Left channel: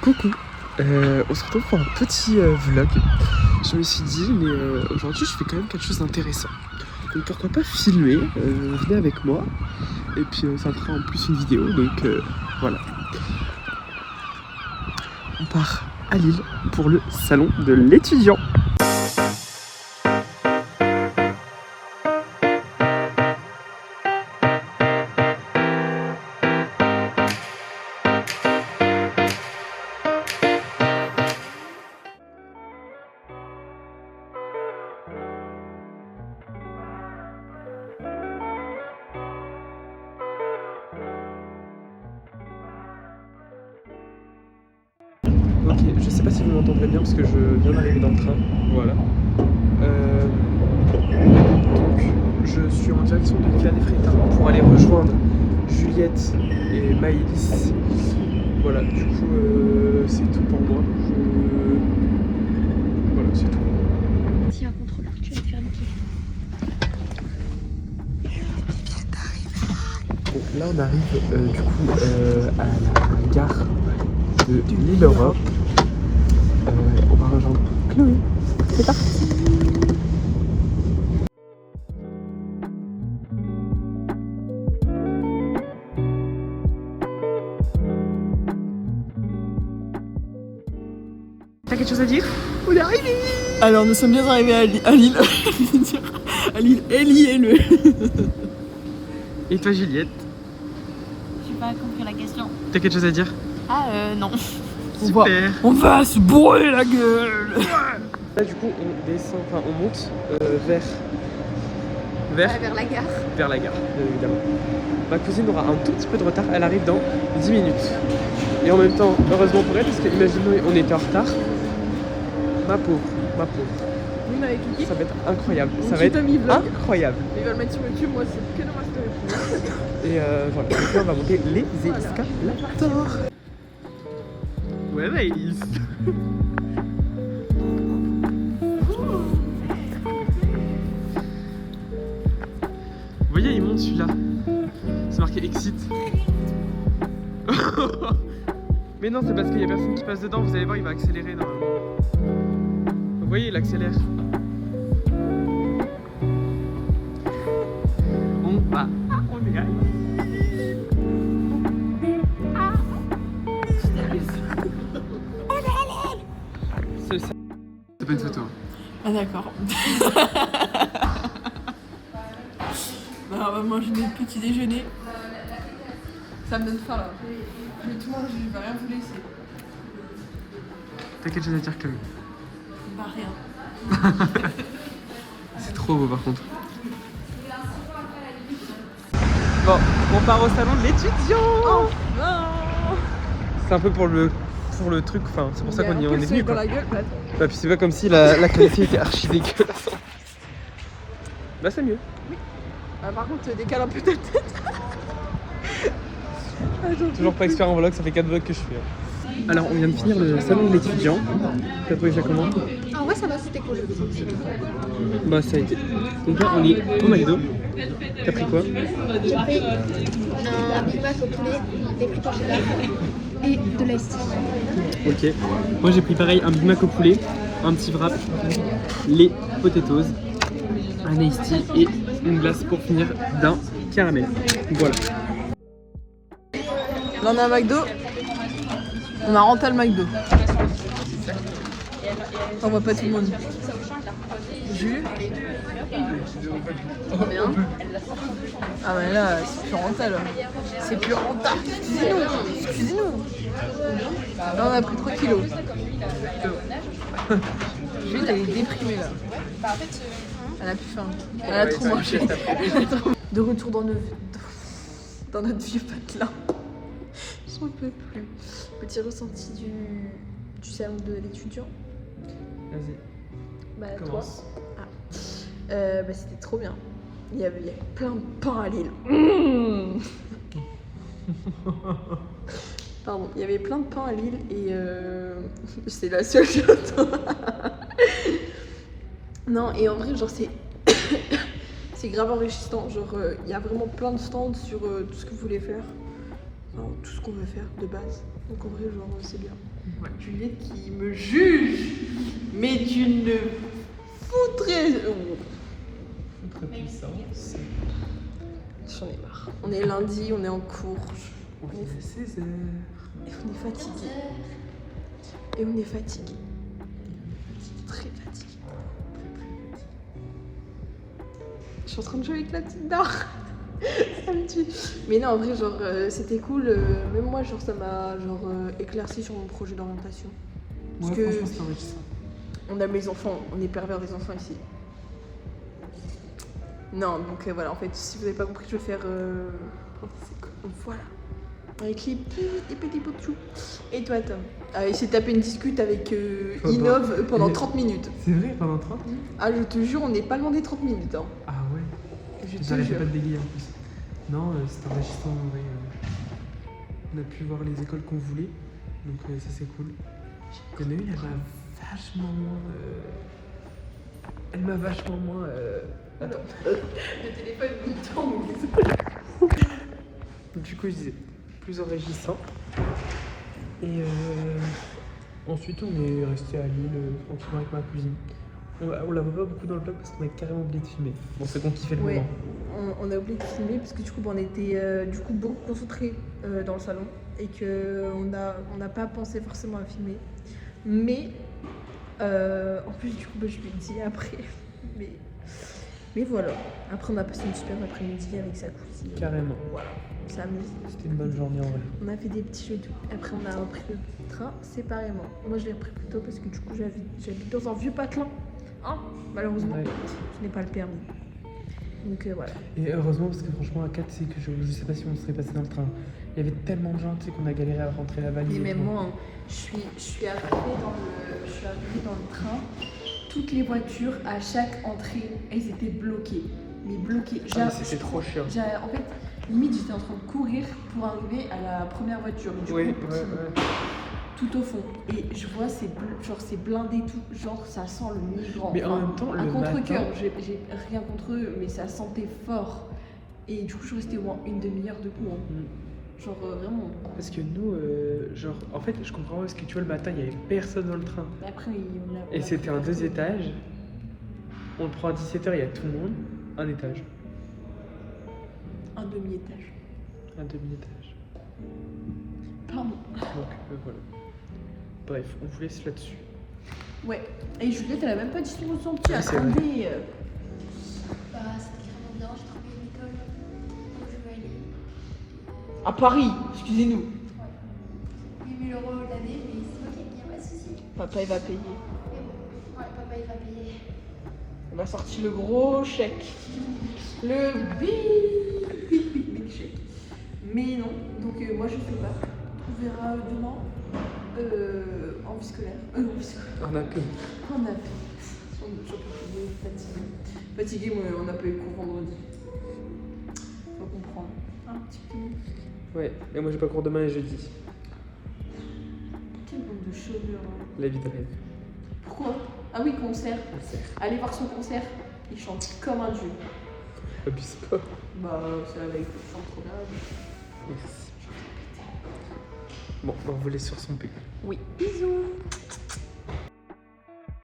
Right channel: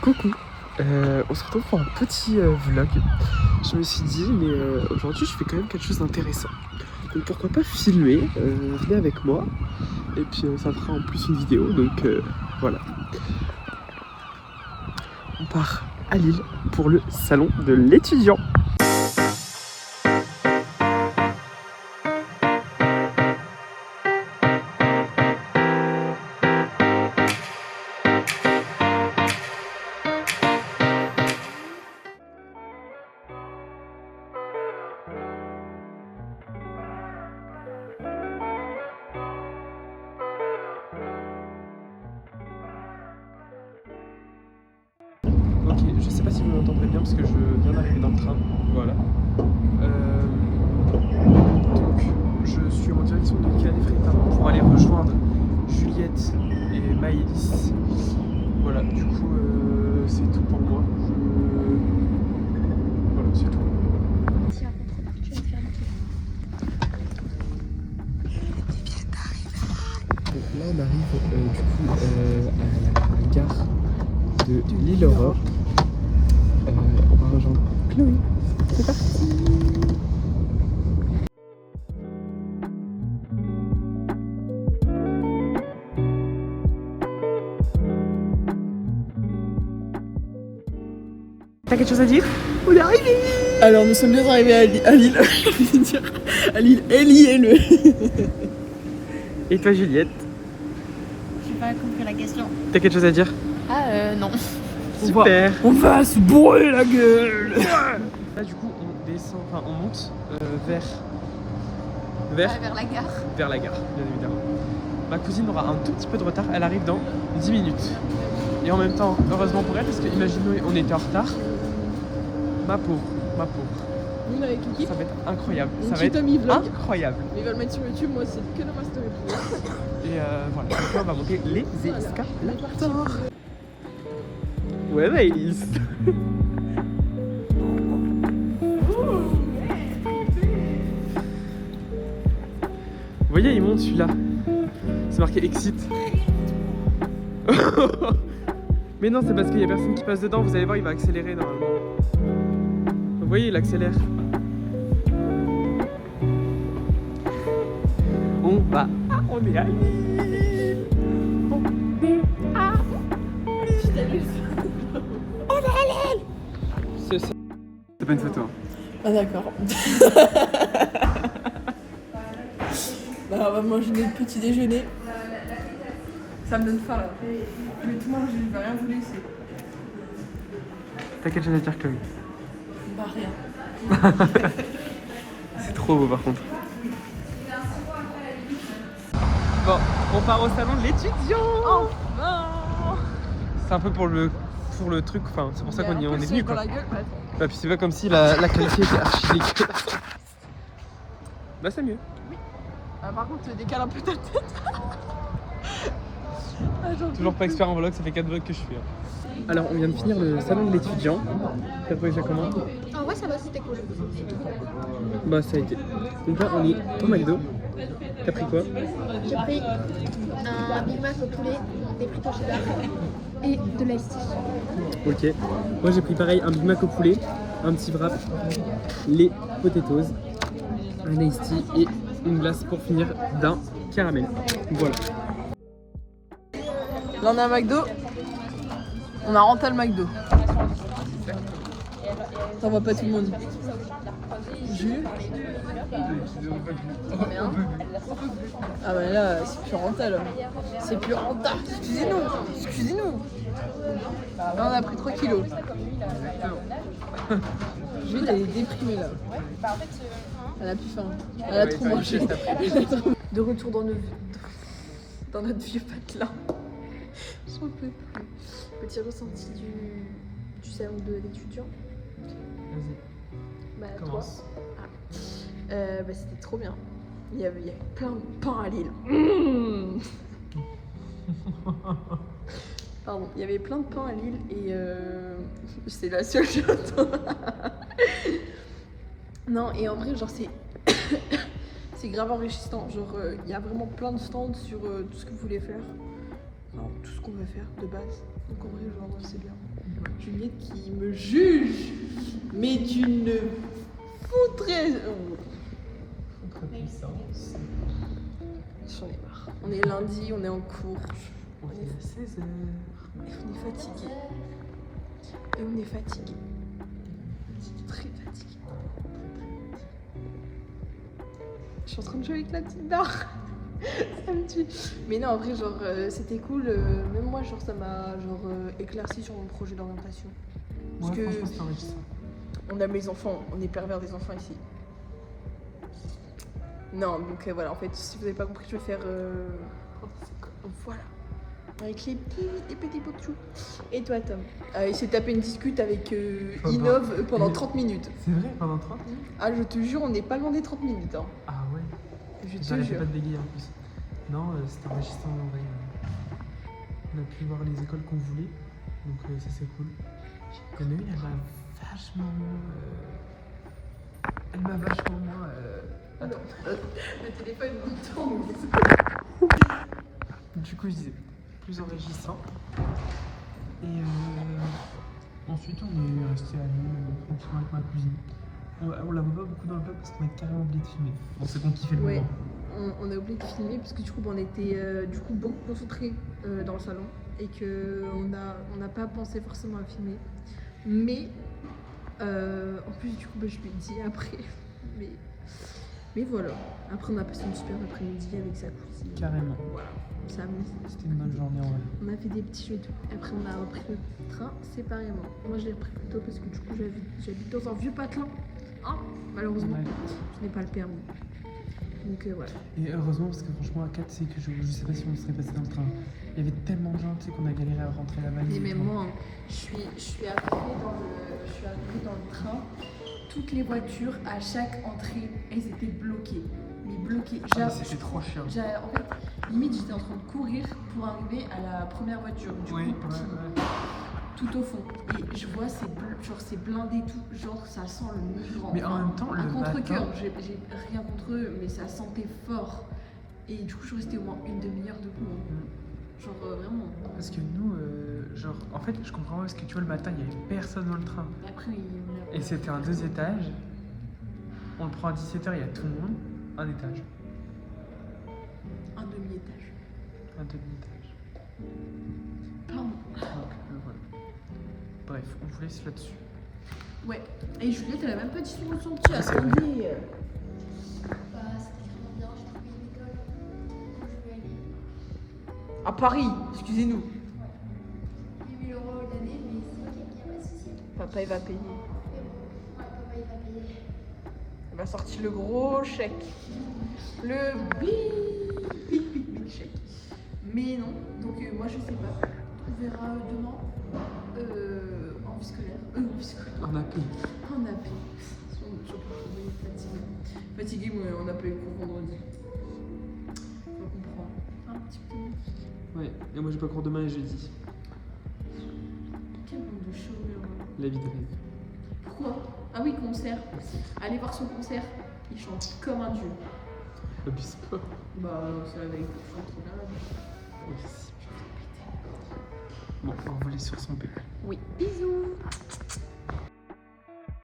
Coucou, on se retrouve pour un petit vlog. Je me suis dit, mais aujourd'hui je fais quand même quelque chose d'intéressant. Donc pourquoi pas filmer, venez avec moi. Et puis ça fera en plus une vidéo, donc voilà. On part à Lille pour le salon de l'étudiant. Ok, je sais pas si vous m'entendrez bien parce que je viens d'arriver dans le train. Voilà. Donc, je suis en direction de Canet-Frétin pour aller rejoindre Juliette et Maëlys. Voilà, du coup, c'est tout pour moi. Voilà, c'est tout. Si un contrôleur, tu vas te faire niquer. Donc là, on arrive du coup à la gare de Lille Europe. On va rejoindre Chloé. C'est parti. T'as quelque chose à dire? On est arrivé. Alors nous sommes bien arrivés à Lille. À Lille, L-I-L-E. Et toi Juliette? J'ai pas compris la question. T'as quelque chose à dire? Ah non. Super. On va se bourrer la gueule. Là du coup on descend, enfin on monte vers Vers la gare. vers la gare, bien évidemment. Ma cousine aura un tout petit peu de retard, elle arrive dans 10 minutes. Et en même temps, heureusement pour elle, parce que imaginons on était en retard. Ma pauvre, ma pauvre. Ça va être incroyable, ça va être incroyable. Il va le mettre sur YouTube, moi aussi. Et voilà, donc là on va monter les escalators. Ouais, Maïs. Vous voyez, il monte celui-là. C'est marqué Exit. Mais non, c'est parce qu'il y a personne qui passe dedans. Vous allez voir, il va accélérer normalement. Vous voyez, il accélère. On va. On est à Lille. C'est ça. C'est pas une photo. Hein. Ah d'accord. Bah, on va manger notre petit déjeuner. Ça me donne faim là. Je vais tout manger, je vais rien vous laisser. T'as quelque chose à dire, Chloé? Bah rien. C'est trop beau par contre. Bon, on part au salon de l'étudiant. Oh non. C'est un peu pour le truc, enfin c'est pour ça qu'on est venu dans quoi. la gueule, bah. Bah, puis c'est pas comme si la qualité était archi dégueulasse. Bah c'est mieux. Ah, par contre, décale un peu ta tête. Toujours pas expert en vlog, ça fait 4 vlogs que je fais. Alors on vient de finir le salon de l'étudiant. T'as trouvé ça comment? Ah ouais, ça va, c'était cool. Bah ça a été. Donc là on est au McDo. T'as pris quoi? J'ai pris un Big Mac au poulet, des frites en général et de l'ice tea. Ok. Moi j'ai pris pareil un Big Mac au poulet, un petit wrap, les potatoes, un iced tea et une glace pour finir d'un caramel. Voilà. Là on a un McDo. On a renté le McDo. On voit pas tout le monde. Jus. Trop bien. Ah mais là, c'est plus rental. C'est plus rental. Excusez-nous. Excusez-nous. Là on a pris 3 kilos. Jules a été déprimée là. Elle a plus faim. Elle a trop mangé. De retour dans notre vieux patelin. J'en peux plus. Petit ressenti du salon de l'étudiant. Vas-y. Bah, Commence. toi. Bah, c'était trop bien. Il y avait plein de pain à Lille. Pardon, il y avait plein de pain à Lille et c'est la seule chose. Non, et en vrai, genre, c'est grave enrichissant. Genre, il y a vraiment plein de stands sur tout ce que vous voulez faire. Enfin, tout ce qu'on veut faire de base. Donc, en vrai, genre, c'est bien. juges, mais d'une foutrais. Très puissance. J'en ai marre. On est lundi, on est en cours. On est à 16h. Et on est fatigué. Et on est fatigué. Très fatigué. Je suis en train de jouer avec la petite dard. Ça me tue. Mais non, en vrai, genre, c'était cool. Même moi, genre, ça m'a éclairci sur mon projet d'orientation. Parce que franchement, c'est enrichissant. on aime les enfants, on est pervers des enfants ici. Non, donc voilà, en fait, si vous n'avez pas compris, je vais faire. Voilà. Un clip des petits bouts de chou. Et toi, Tom? Il s'est tapé une discute avec Innov pendant 30 minutes. C'est vrai, pendant 30 minutes? Ah, je te jure, on n'est pas loin des 30 minutes. Hein. Ah ouais. Je te J'arrêtais jure. pas de délirer en plus. Non, c'était enrichissant en vrai. On a pu voir les écoles qu'on voulait, donc ça c'est cool. Il y en a une, elle m'a vachement moins. Attends. Le téléphone me tombe. Du coup, je disais plus enrichissant. Et ensuite, on est resté à Lille tranquillement avec ma cousine. On la voit pas beaucoup dans le vlog parce qu'on a carrément oublié de filmer. Bon, c'est qu'on kiffait le Ouais. moment. On a oublié de filmer parce que du coup on était du coup beaucoup concentrés dans le salon et que on n'a pas pensé forcément à filmer. Mais en plus du coup je lui ai dit après. Mais voilà. Après on a passé une super après-midi avec sa cousine. Carrément. Voilà. Ça amuse. C'était une bonne journée en vrai. On a fait des petits jeux et tout. Après on a repris le train séparément. Moi je l'ai repris plus tôt parce que du coup j'habite dans un vieux patelin. Hein, malheureusement, Ouais. je n'ai pas le permis. Donc voilà. Et heureusement, parce que franchement, à 4, c'est que je sais pas si on serait passé dans le train. Il y avait tellement de gens, tu sais, qu'on a galéré à rentrer la valise. Et et même tout. moi, hein, je suis arrivée dans le train. Toutes les voitures, à chaque entrée, elles étaient bloquées. Mais bloquées. Ah, mais c'était trop chiant. En fait, limite, j'étais en train de courir pour arriver à la première voiture. Du Oui, coup, ouais. tout au fond. Et je vois, c'est blindé tout. Genre, ça sent le migrant. Mais en même temps, un le contre-cœur. matin... J'ai rien contre eux, mais ça sentait fort. Et du coup, je restais au moins une demi-heure debout. Hein. Genre, vraiment. Parce que nous, genre, en fait, je comprends parce que tu vois, le matin, il y avait personne dans le train. Après, Et c'était un 2 étages. On le prend à 17h, il y a tout le monde. Un étage. un demi-étage. Un demi-étage. Pardon. Donc, voilà. Bref, on vous laisse là-dessus. Ouais. Et Juliette, elle a même pas dit son ressenti. Oui, c'est vrai. Bah, c'était vraiment bien, j'ai trouvé une école où je vais aller. À Paris, excusez-nous. 8 000 € l'année, mais c'est ok, il n'y a pas de souci. Papa, il va payer. Ouais, papa, il va payer. Il a sorti le gros chèque. Le big chèque. Mais non, donc moi je sais pas. On verra demain en vie scolaire. En vie scolaire. On a peu. On a fait. Fatigué, moi on n'a pas eu cours vendredi. Faut comprendre. Un petit peu. Ouais, et moi j'ai pas cours demain et jeudi. Quel nombre de chômeurs. Hein. La vie de rêve. Pourquoi? Ah oui, concert. Allez voir son concert. Il chante comme un dieu. Abuse pas. Bah, c'est avec trop grave. Merci. Bon, on vous laisse faire son pic. Oui. Bisous.